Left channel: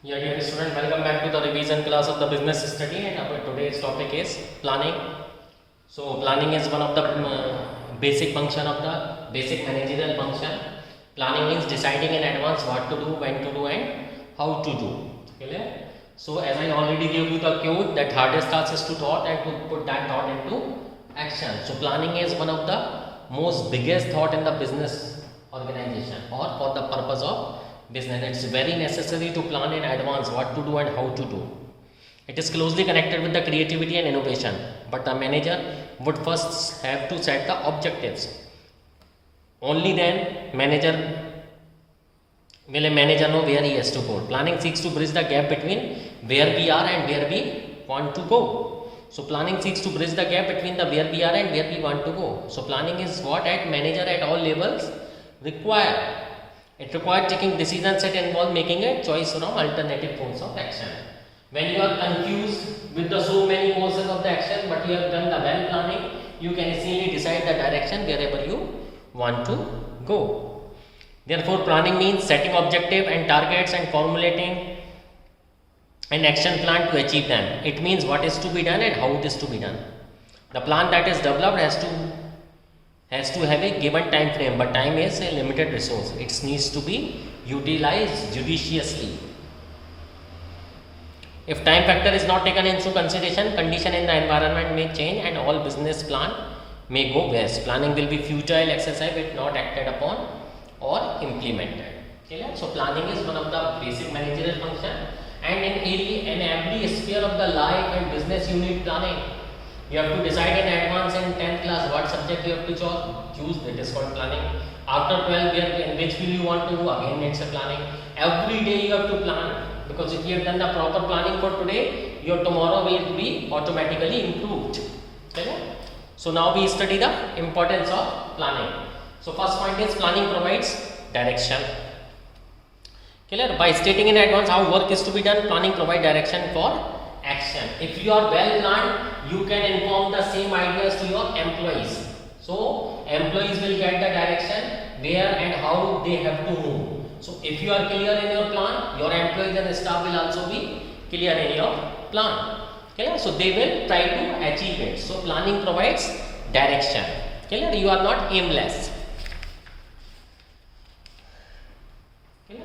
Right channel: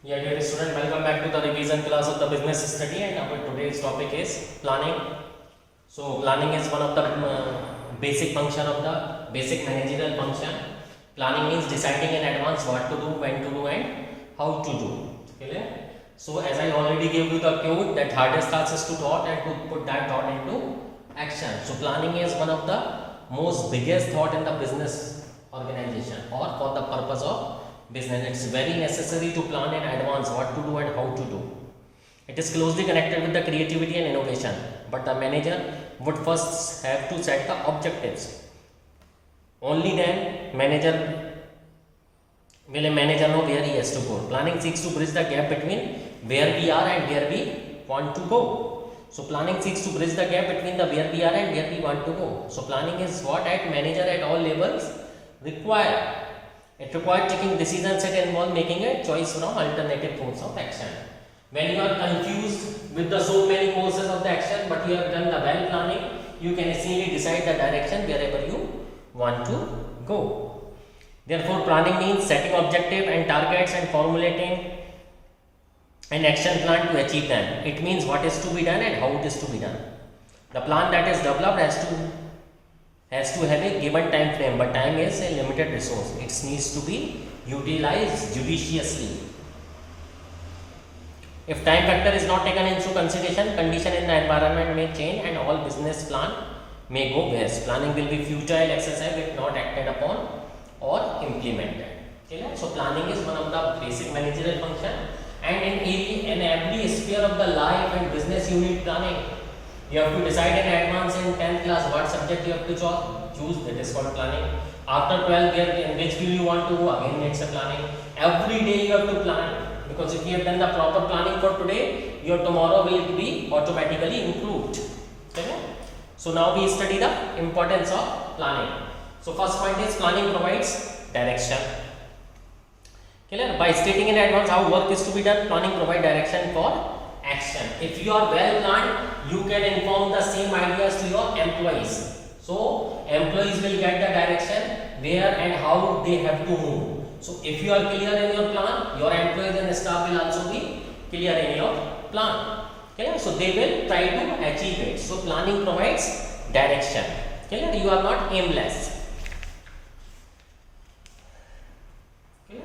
Yeah, dear student, welcome back to the revision class of the business study, and our today's topic is planning. So, planning is one of the basic function of the basic managerial function. Planning means deciding in advance what to do, when to do, and how to do. Clear? So, as I already gave you the quote, that hardest task is to thought and to put that thought into action. So, planning is one of the most biggest thought in the business organization or for the purpose of business. It's very necessary to plan in advance what to do and how to do. It is closely connected with the creativity and innovation, but the manager would first have to set the objectives. Only then will a manager know where he has to go. Planning seeks to bridge the gap between where we are and where we want to go. So planning seeks to bridge the gap between the where we are and where we want to go. So planning is what at manager at all levels require. It requires taking decisions that involve making a choice from alternative forms of action. When you are confused with the so many courses of the action, but you have done the well planning, you can easily decide the direction wherever you want to go. Therefore, planning means setting objective and targets and formulating an action plan to achieve them. It means what is to be done and how it is to be done. The plan that is developed has to have a given time frame, but time is a limited resource. It needs to be utilized judiciously. If time factor is not taken into consideration, condition in the environment may change and all business plan may go west. Planning will be futile exercise if not acted upon or implemented. Okay? So planning is one of the basic managerial function, and in every sphere of the life and business you need planning. You have to decide in advance in 10th class what subject you have to choose. That is called planning. After 12 year, in which field you want to go, again it's a planning. Every day you have to plan, because if you have done the proper planning for today, your tomorrow will be automatically improved. Okay? So now we study the importance of planning. So first point is planning provides direction. Clear? By stating in advance how work is to be done, planning provides direction for action. If you are well planned, you can inform the same ideas to your employees. So employees will get the direction where and how they have to move. So if you are clear in your plan, your employees and staff will also be clear in your plan. Okay? So they will try to achieve it. So planning provides direction. Okay? You are not aimless. Okay?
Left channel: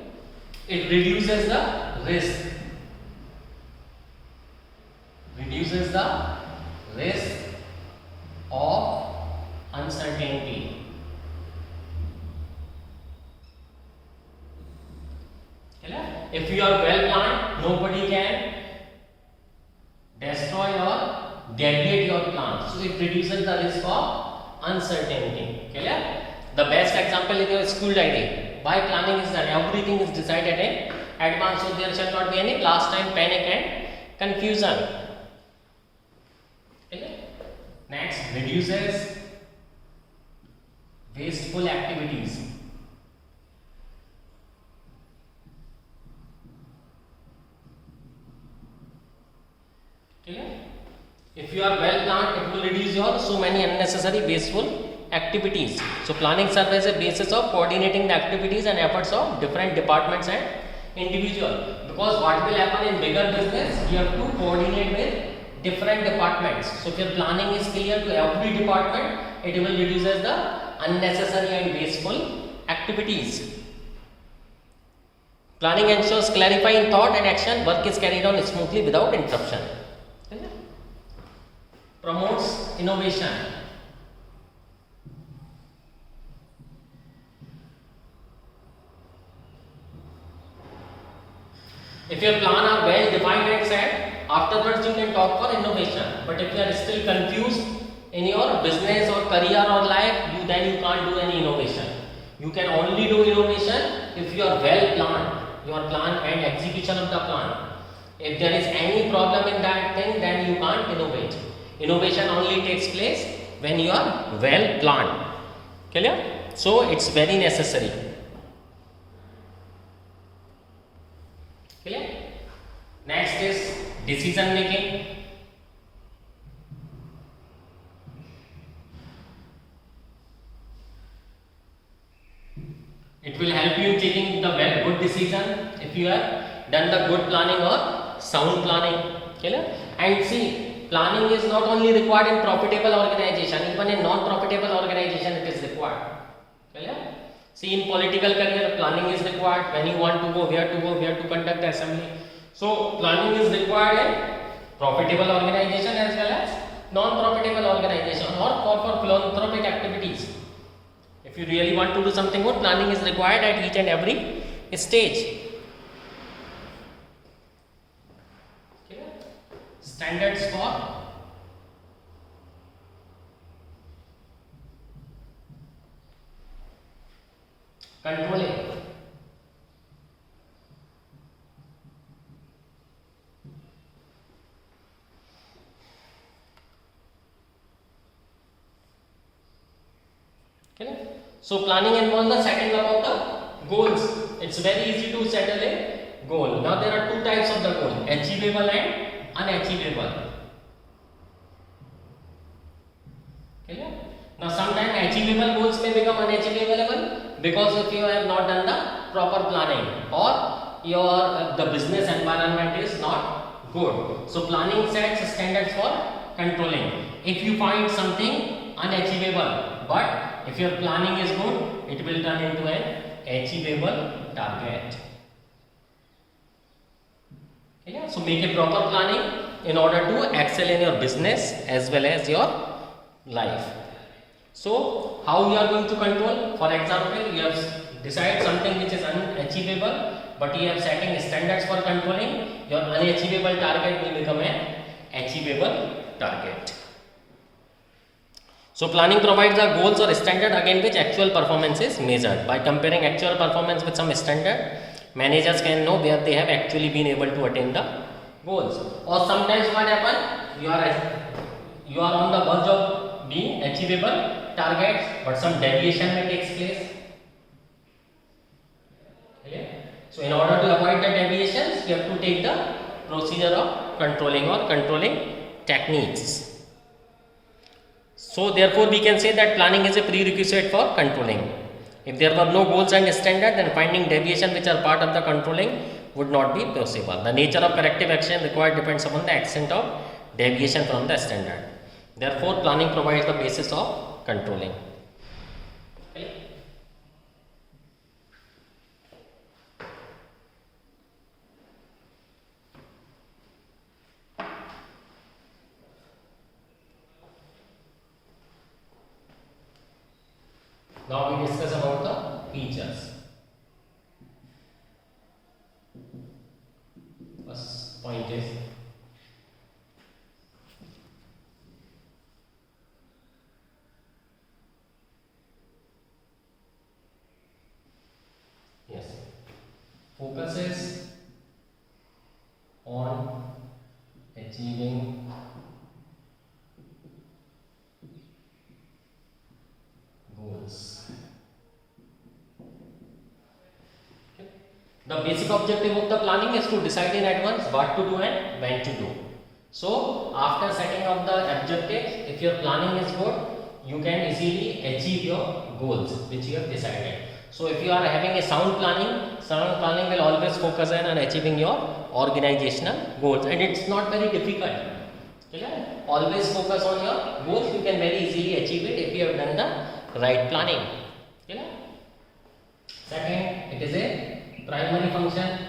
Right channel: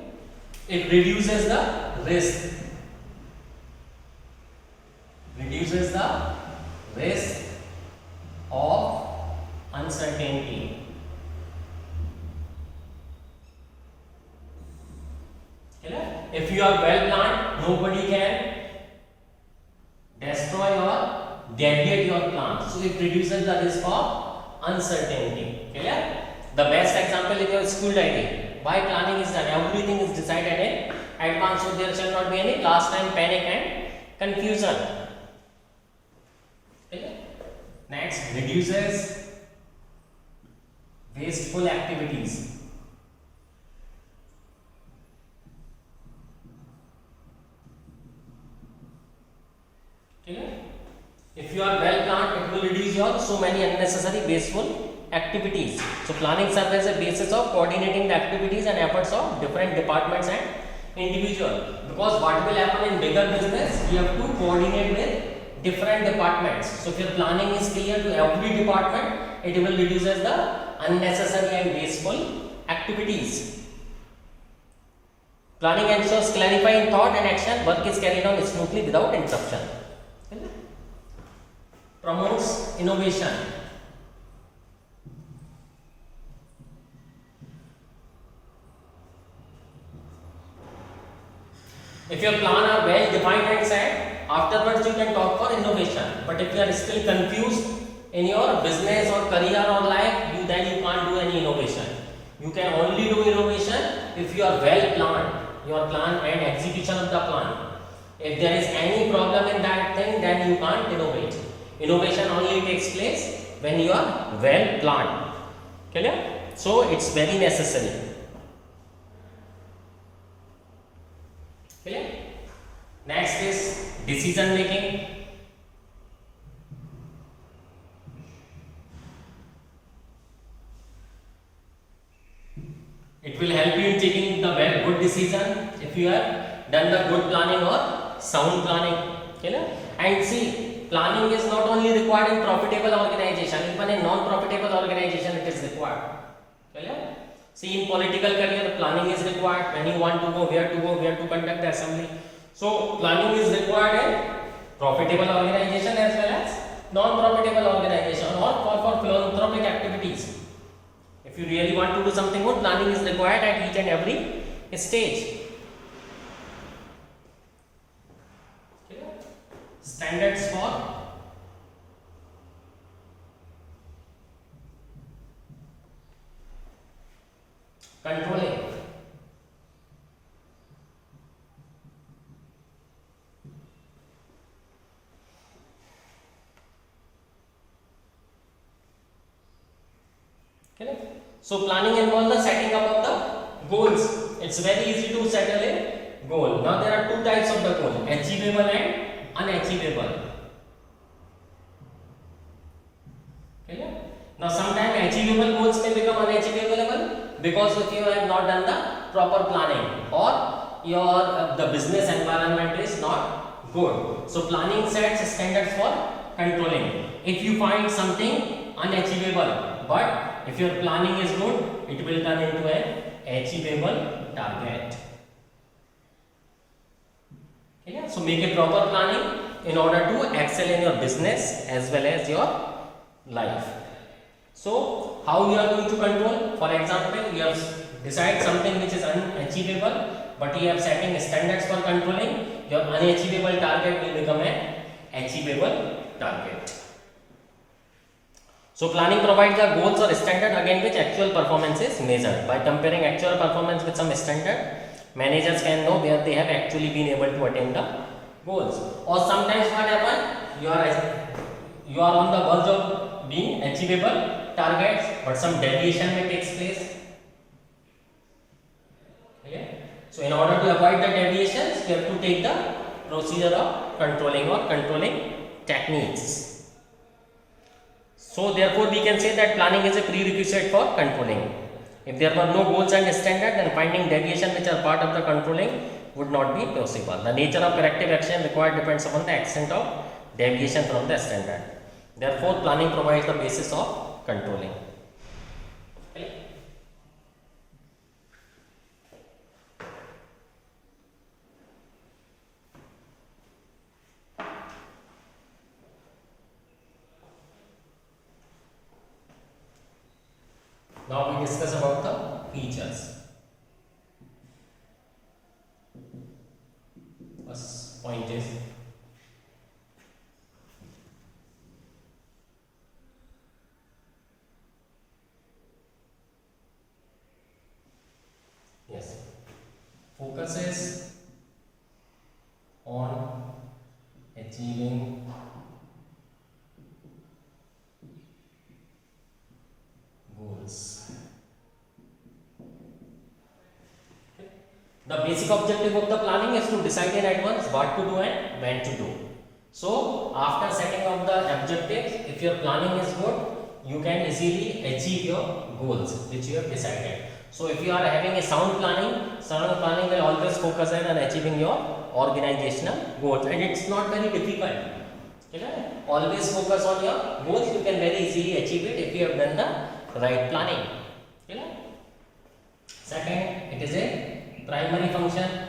It reduces the risk. Reduces the risk of uncertainty. If you are well planned, nobody can destroy or deviate your plan. So it reduces the risk of uncertainty. Clear? The best example is your school diary. Why planning is done? Everything is decided in advance, so there shall not be any last time panic and confusion. Next, reduces wasteful activities. Clear? If you are well planned, it will reduce your so many unnecessary wasteful activities. So planning serves as a basis of coordinating the activities and efforts of different departments and individual. Because what will happen in bigger business, you have to coordinate with different departments. So if your planning is clear to every department, it will reduces the unnecessary and wasteful activities. Planning ensures clarifying thought and action. Work is carried on smoothly without interruption. Promotes innovation. If your plan are well defined and set, afterwards you can talk for innovation. But if you are still confused in your business or career or life, then you can't do any innovation. You can only do innovation if you are well planned, your plan and execution of the plan. If there is any problem in that thing, then you can't innovate. Innovation only takes place when you are well planned. Clear? So it's very necessary. Clear? Next is decision making. It will help you in taking the very good decision. If if you have done the good planning or sound planning. Clear? And see, planning is not only required in profitable organization, even in non-profitable organization it is required. Clear? See, in political career, planning is required. When you want to go, where to go, where to conduct the assembly. So planning is required in profitable organization as well as non-profitable organization or for philanthropic activities. If you really want to do something good, planning is required at each and every stage. Okay. Standards for controlling. Okay. So planning involves the setting up of the goals. It's very easy to settle a goal. Now there are two types of the goal: achievable and unachievable. Okay. Now sometimes achievable goals may become unachievable because if you have not done the proper planning or your the business environment is not good. So planning sets standards for controlling. If you find something unachievable, but if your planning is good, it will turn into an achievable target. Okay, so make a proper planning in order to excel in your business as well as your life. So how you are going to control? For example, you have decided something which is unachievable, but you have setting standards for controlling. Your unachievable target will become an achievable target. So planning provides the goals or standard against which actual performance is measured. By comparing actual performance with some standard, managers can know where they have actually been able to attain the goals. Or sometimes what happens, you are on the verge of being achievable targets, but some deviation may take place. Okay? So in order to avoid the deviations, you have to take the procedure of controlling or controlling techniques. So therefore we can say that planning is a prerequisite for controlling. If there were no goals and standard, then finding deviation which are part of the controlling would not be possible. The nature of corrective action required depends upon the extent of deviation from the standard. Therefore planning provides the basis of controlling. Now we discuss about the features. First point is focuses on achieving goals. The basic objective of the planning is to decide in advance what to do and when to do. So after setting up the objectives, if your planning is good, you can easily achieve your goals which you have decided. So if you are having a sound planning will always focus on achieving your organizational goals, and it's not very difficult. Okay? Always focus on your goals. You can very easily achieve it if you have done the right planning. Okay? Second, it is a primary function.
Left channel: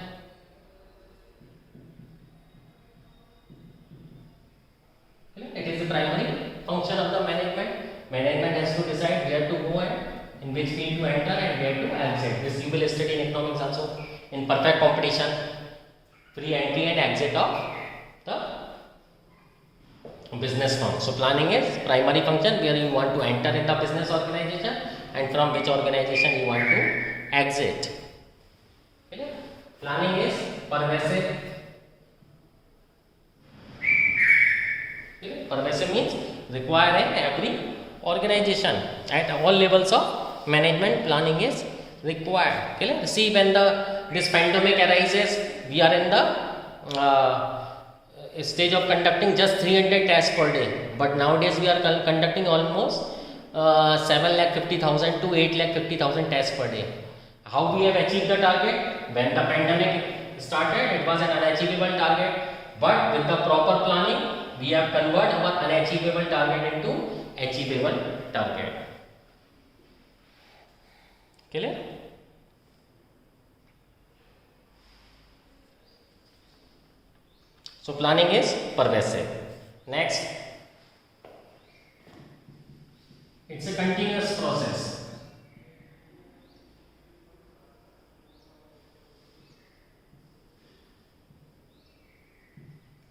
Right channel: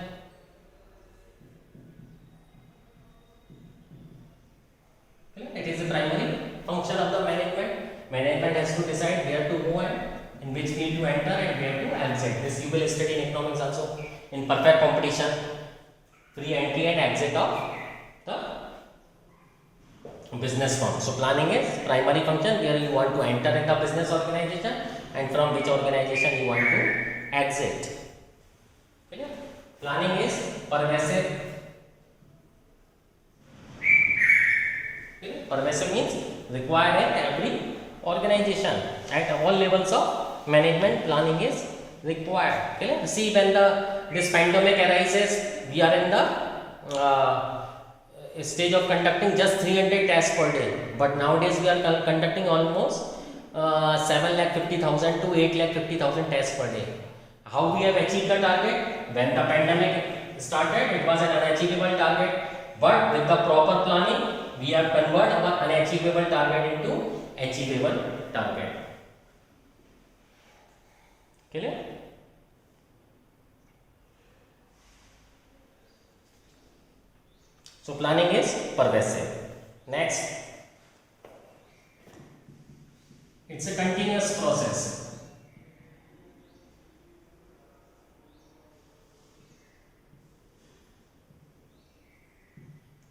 Okay? It is a primary function of the management. Management has to decide where to go and in which field to enter and where to exit. This you will study in economics also. In perfect competition, free entry and exit of the business firm. So planning is primary function where you want to enter in the business organization and from which organization you want to exit. Okay? Planning is pervasive. Okay? Pervasive means required in every organization at all levels of management. Planning is required. Okay? See, when this pandemic arises, we are in the stage of conducting just 300 tests per day, but nowadays we are conducting almost 7,50,000 to 8,50,000 tests per day. How we have achieved the target? When the pandemic started, it was an unachievable target, but with the proper planning, we have converted our unachievable target into achievable target. Clear? So planning is pervasive. Next, it's a continuous process.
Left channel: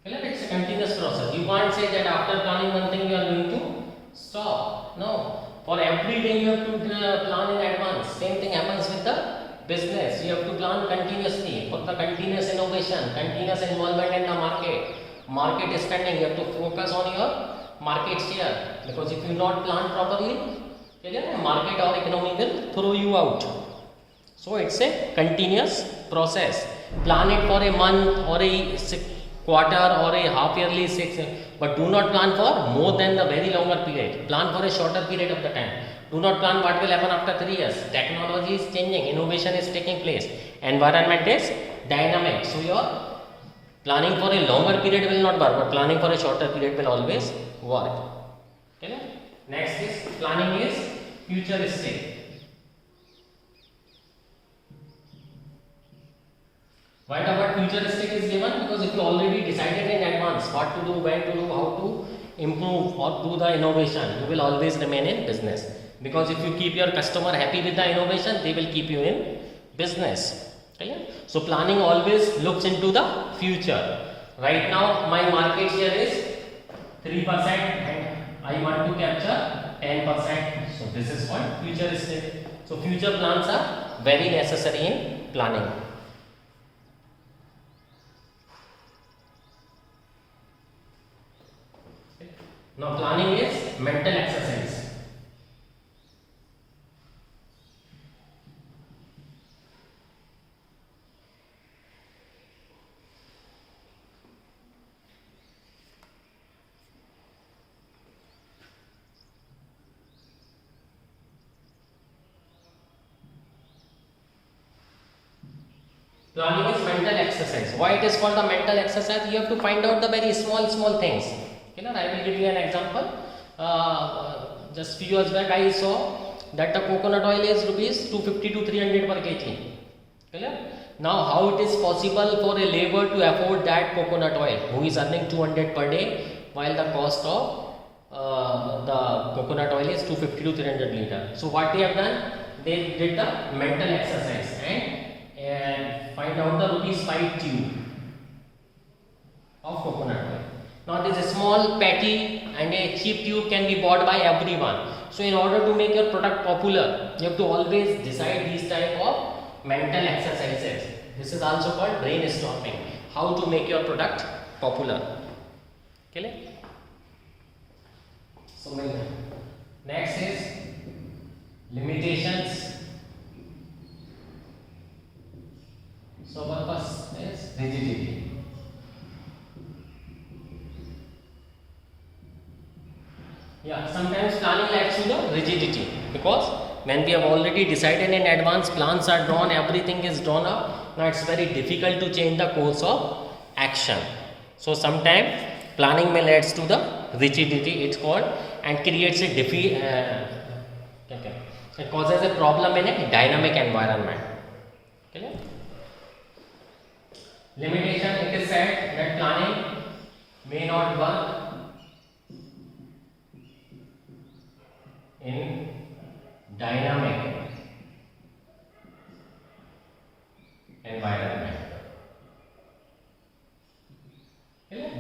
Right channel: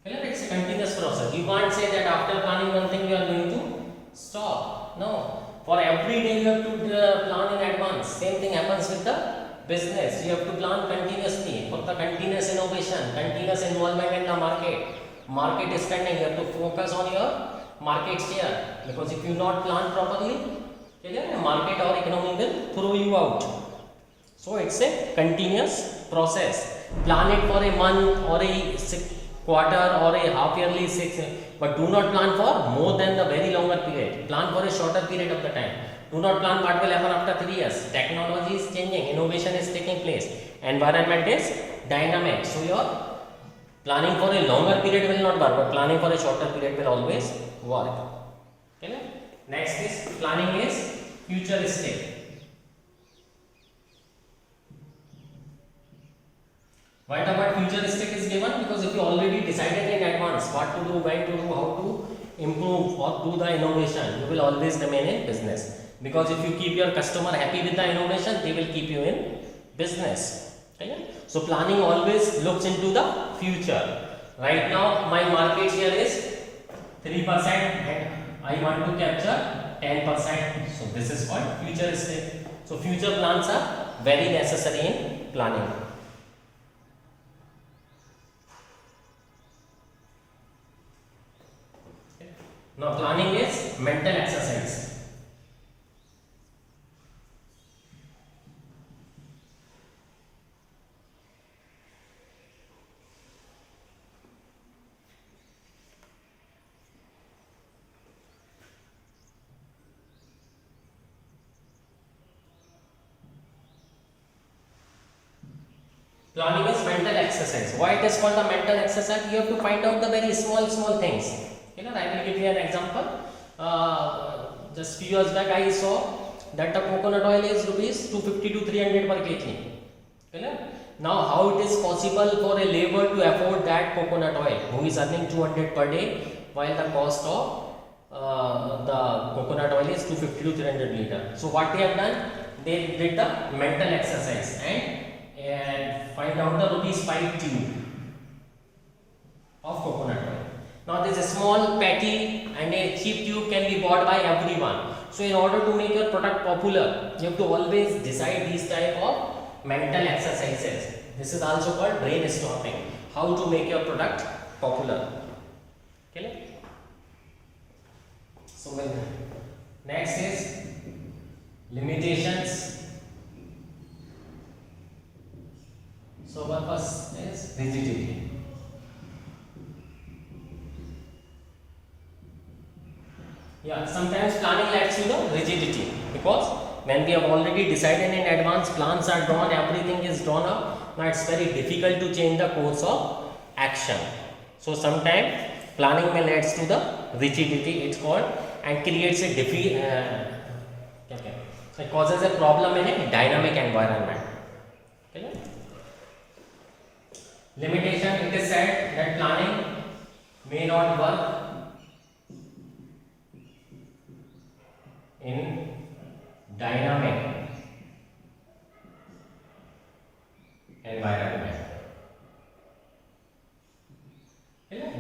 It's a continuous process. You can't say that after planning one thing you are going to stop. No. For every day you have to plan in advance. Same thing happens with the business. You have to plan continuously for the continuous innovation, continuous involvement in the market. Market is trending. You have to focus on your market share, because if you not plan properly, market or economy will throw you out. So it's a continuous process. Plan it for a month or a quarter or a half yearly 6, but do not plan for more than the very longer period. Plan for a shorter period of the time. Do not plan what will happen after 3 years. Technology is changing, innovation is taking place, environment is dynamic. So your planning for a longer period will not work, but planning for a shorter period will always work. Okay? Next is planning is futuristic. Why the word futuristic is given? Because if you already decided in advance what to do, when to do, how to improve or do the innovation, you will always remain in business. Because if you keep your customer happy with the innovation, they will keep you in business. Okay? So planning always looks into the future. Right now my market share is 3% and I want to capture 10%. So this is called futuristic. So future plans are very necessary in planning. Now planning is mental exercise. Planning is mental exercise. Why it is called a mental exercise? You have to find out the very small things. I will give you an example. Just few years back I saw that the coconut oil is rupees 250 to 300 per kg. Now how it is possible for a labor to afford that coconut oil who is earning 200 per day, while the cost of the coconut oil is 250 to 300 liter. So what they have done, they did the mental exercise and find out the rupees 5 tube of coconut oil. Now this small patty and a cheap tube can be bought by everyone. So in order to make your product popular, you have to always decide these type of mental exercises. This is also called brainstorming. How to make your product popular. Okay? So next is limitations. So purpose is rigidity. Sometimes planning leads to the rigidity, because when we have already decided in advance, plans are drawn, everything is drawn up. Now it's very difficult to change the course of action. So sometimes planning may leads to the rigidity, it's called, and creates a it causes a problem in a dynamic environment. Okay? Limitation, it is said that planning may not work in dynamic environment.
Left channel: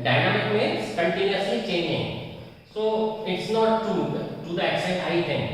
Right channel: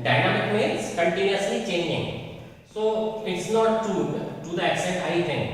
Dynamic means continuously changing. So it's not true to the extent I think.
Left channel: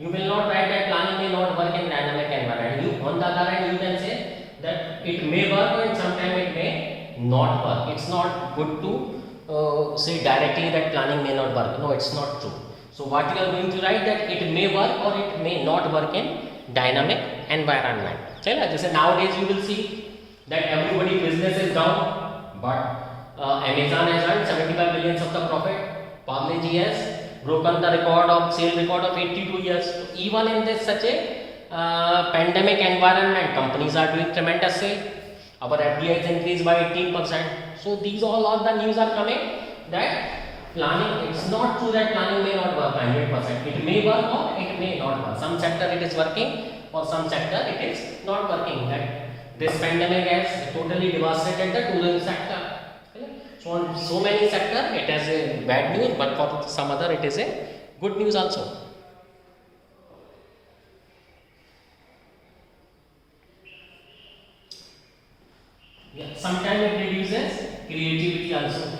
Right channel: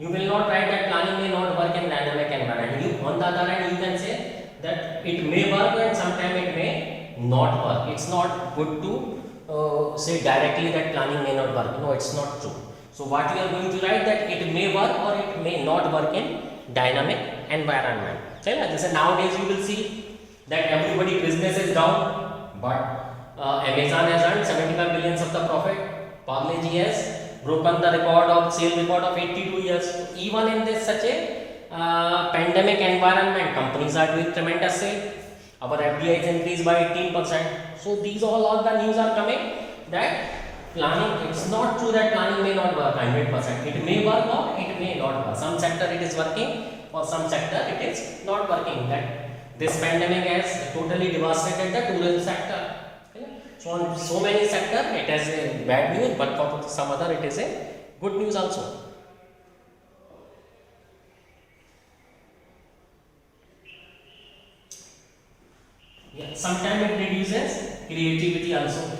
You will not write that planning may not work in dynamic environment. On the other hand, you can say that it may work and sometimes it may not work. It's not good to say directly that planning may not work. No, it's not true. So what you are going to write, that it may work or it may not work in dynamic environment. Nowadays you will see that everybody business is down, but Amazon has earned 75 billions of the profit. Parle-G has broken the record of sale record of 82 years. So even in this such a pandemic environment, companies are doing tremendous sale. Our FDI is increased by 18%. So these all the news are coming that planning, it's not true that planning may not work 100%. It may work or it may not work. Some sector it is working, or some sector it is not working. That this pandemic has totally devastated the tourism sector. Okay? So on so many sector it has a bad news, but for some other it is a good news also. Yeah, sometimes it reduces creativity also.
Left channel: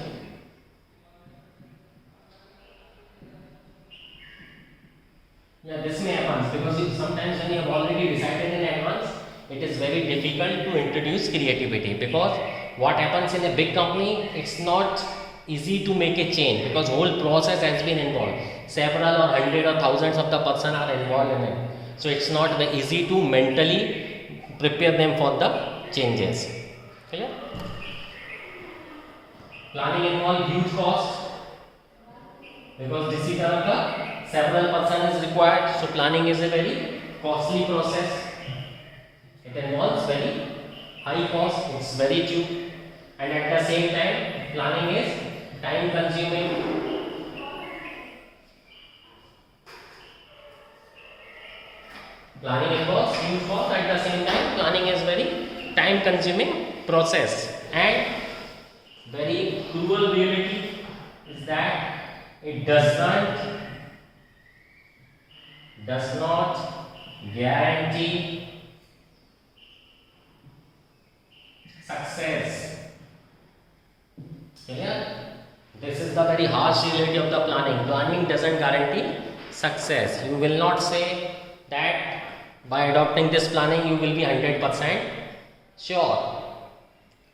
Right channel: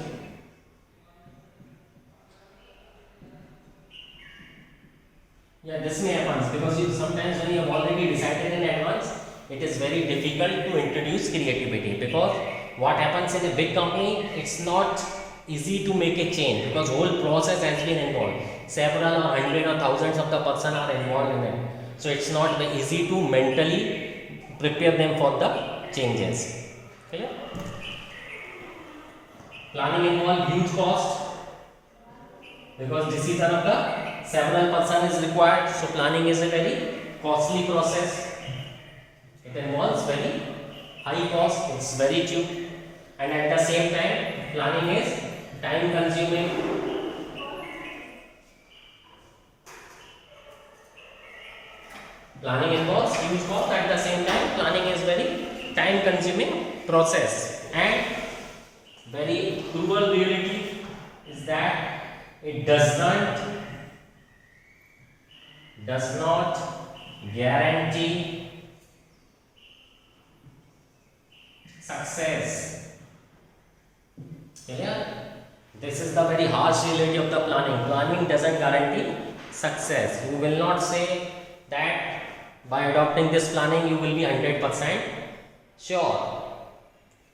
Yeah, this may happen because sometimes when you have already decided in advance, it is very difficult to introduce creativity, because what happens in a big company, it's not easy to make a change because whole process has been involved. Several or hundred or thousands of the person are involved in it. So it's not very easy to mentally prepare them for the changes. Okay? Planning involves huge cost because decision of the several person is required. So planning is a very costly process. It involves very high cost. It's very cheap, and at the same time, planning is time consuming. Planning involves huge cost. At the same time, planning is very time consuming process, and very cruel reality is that it does not guarantee success. Clear? This is the very harsh reality of the planning. Planning doesn't guarantee success. You will not say that by adopting this planning you will be 100% sure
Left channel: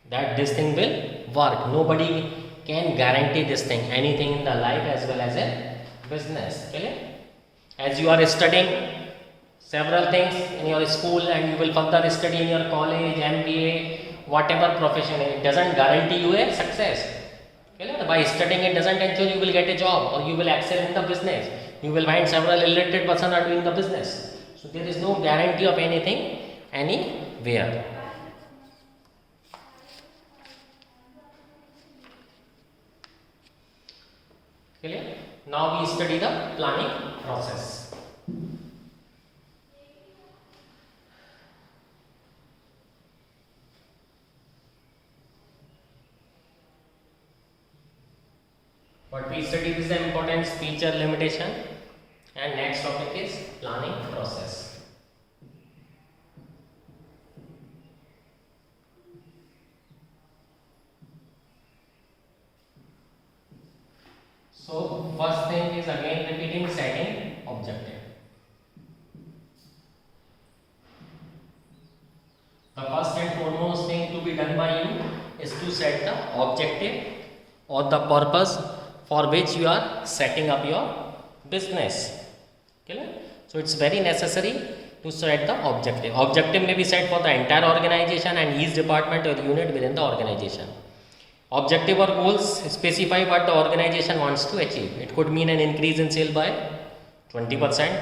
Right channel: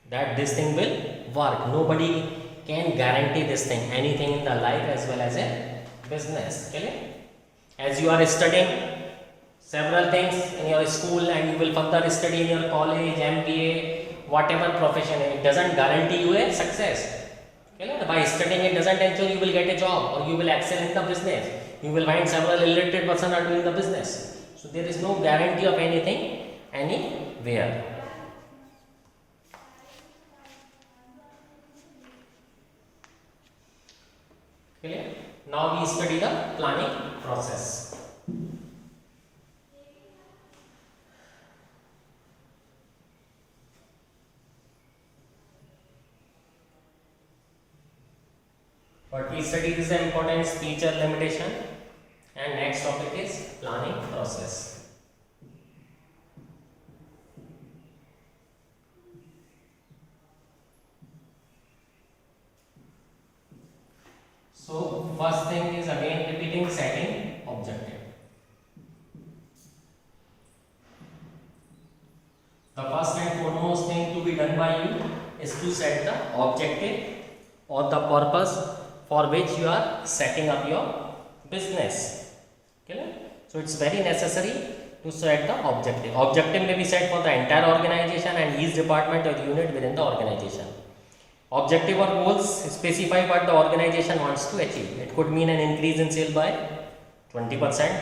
that this thing will work. Nobody can guarantee this thing, anything in the life as well as a business. Okay? As you are studying several things in your school and you will further study in your college, MBA, whatever profession, it doesn't guarantee you a success. Okay? By studying it doesn't ensure you will get a job or you will excel in the business. You will find several illiterate person are doing the business. So there is no guarantee of anything anywhere. Clear? Now we study the planning process. What we studied is the importance, feature, limitation, and next topic is planning process. So first thing is again repeating, setting objective. The first and foremost thing to be done by you is to set the objective or the purpose for which you are setting up your business. Okay? So it's very necessary to set the objective. Objective may be set for the entire organization and each department or unit within the organization. Objective or goals specify what the organization wants to achieve. It could mean an increase in sale by 20%,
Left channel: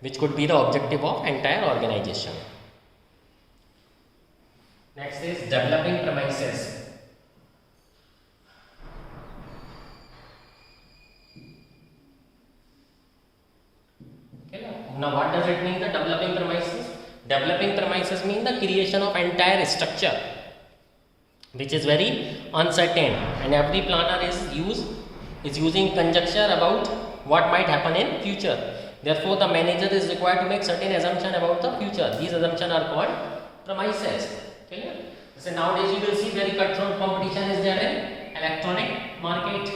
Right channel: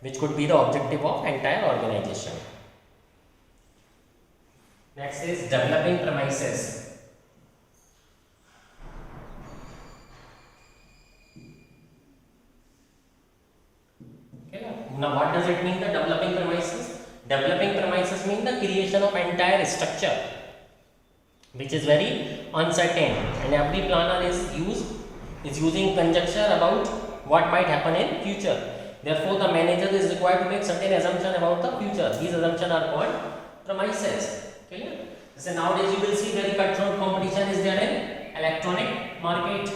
which could be the objective of entire organization. Next is developing premises. Okay. Now what does it mean, the developing premises? Developing premises mean the creation of entire structure which is very uncertain, and every planner is using conjecture about what might happen in future. Therefore the manager is required to make certain assumption about the future. These assumptions are called premises. Okay? So nowadays you will see very cutthroat competition is there in electronic market.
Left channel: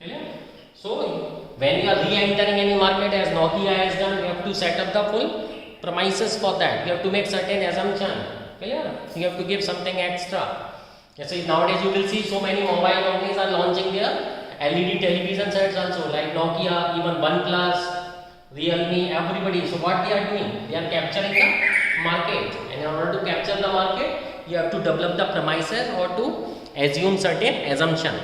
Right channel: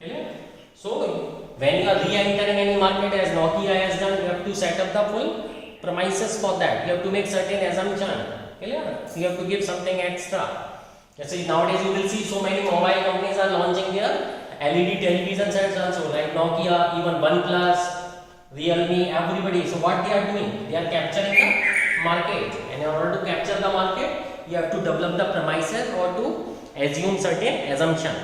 Okay? So when you are re-entering any market, as Nokia has done, you have to set up the full premises for that. You have to make certain assumption. Okay? So you have to give something extra. So nowadays you will see so many mobile companies are launching their LED television sets also, like Nokia, even OnePlus, Realme, everybody. So what they are doing? They are capturing the market, and in order to capture the market, you have to develop the premises or to assume certain assumption.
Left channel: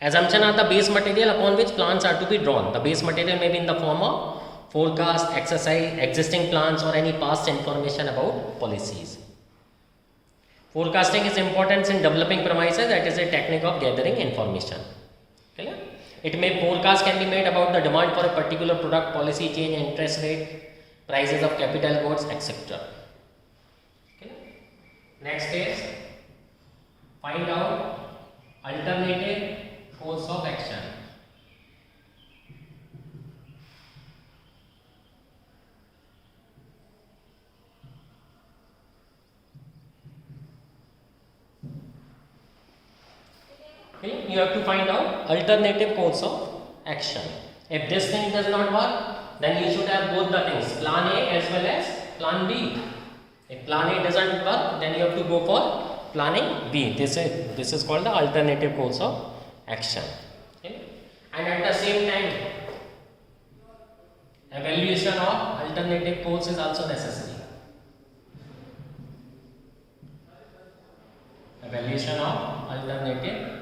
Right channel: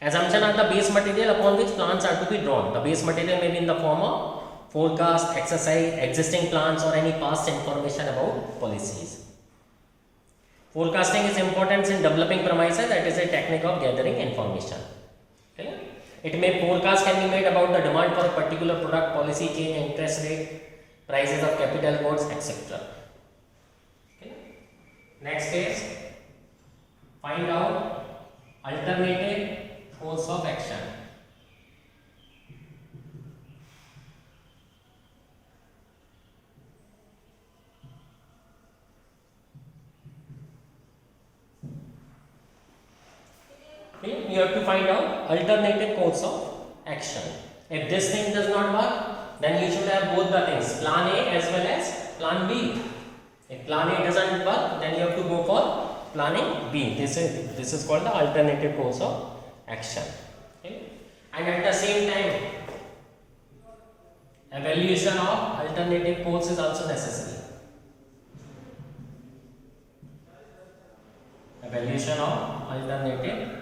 Assumption are the base material upon which plans are to be drawn. The base material may be in the form of forecast, exercise, existing plans, or any past information about policies. Forecasting is important in developing premises. That is a technique of gathering information. Clear? Forecast can be made about the demand for a particular product, policy change, interest rate, prices of capital goods, etc. Okay. Next is find out alternative course of action. Okay. You have to find out alternative course of action. If this thing does not work, then you should have both the things, plan A as well as plan B. If plan A doesn't work, then you have to go for planning B. This is called the alternative course of action. Okay. And at the same time, evaluation of alternative course is also necessary. Evaluation of alternative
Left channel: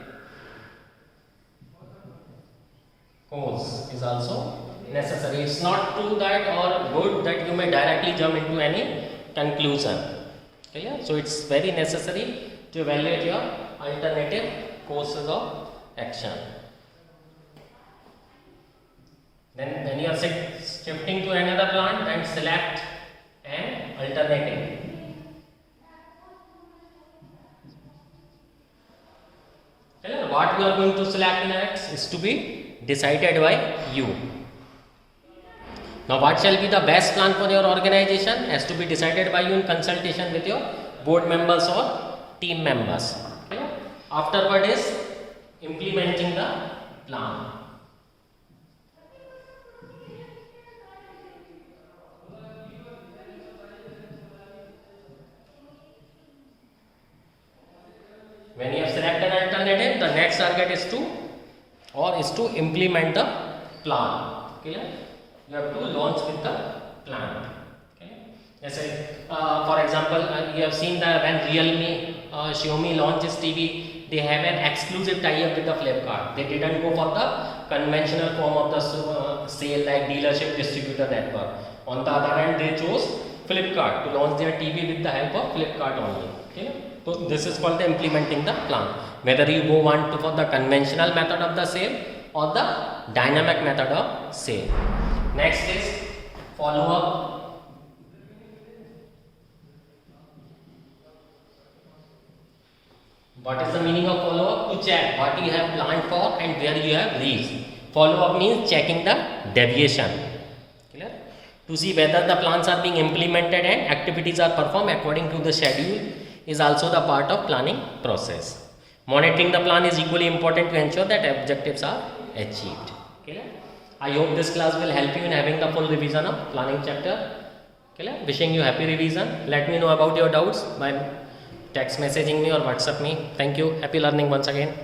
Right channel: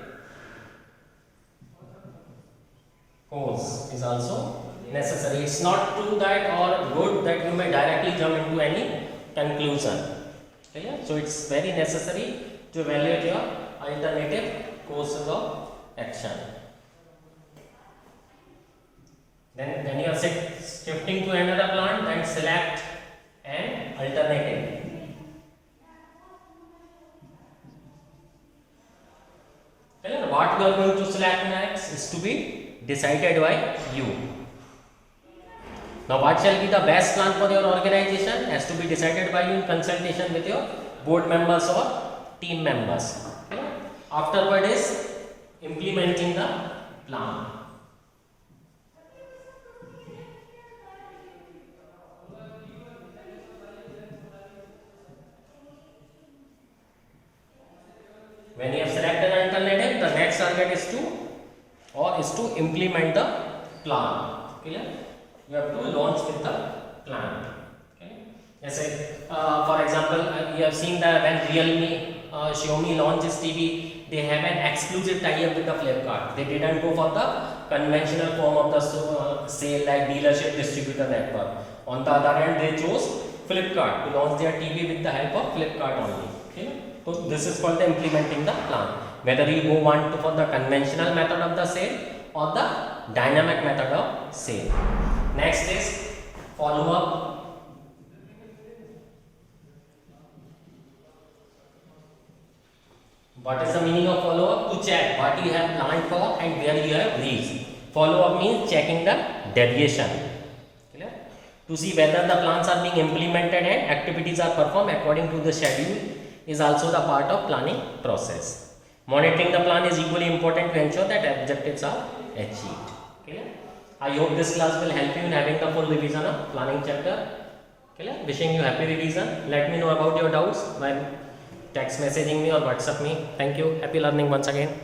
course is also necessary. It's not true that or good that you may directly jump into any conclusion. Okay? So it's very necessary to evaluate your alternative courses of action. Then when you are shifting to another plant, then select an alternative. Okay? What we are going to select next is to be decided by you. Now what shall be the best plan for your organization has to be decided by you in consultation with your board members or team members. Okay? Afterward is implementing the plan. When you have selected an alternative, the next target is to implement the plan. Clear? You have to launch with the plan. Okay? Let's say, for example, you have seen that when Realme, Xiaomi launches TV, they have an exclusive tie-up with the Flipkart. They didn't go for the conventional form of the sale like dealership distributor network. On the other hand, they chose Flipkart to launch their TV with the help of Flipkart only. Okay? So this is called the implementing the plan. Whether you want for the conventional method of the sale or the dynamic method of sale. Next is follow up. What is the meaning of follow up? To check what you have planned for and where you have reached. Follow up means checking the deviation. Clear? To see whether the plans are being implemented and activities are performed according to the schedule is also the part of planning process. Monitoring the plan is equally important to ensure that objectives are achieved. Okay? I hope this class will help you in having the full revision of planning chapter. Okay? Wishing you happy revision. Let me know about your doubts by text messaging me or WhatsApp me. Thank you. Happy learning once again.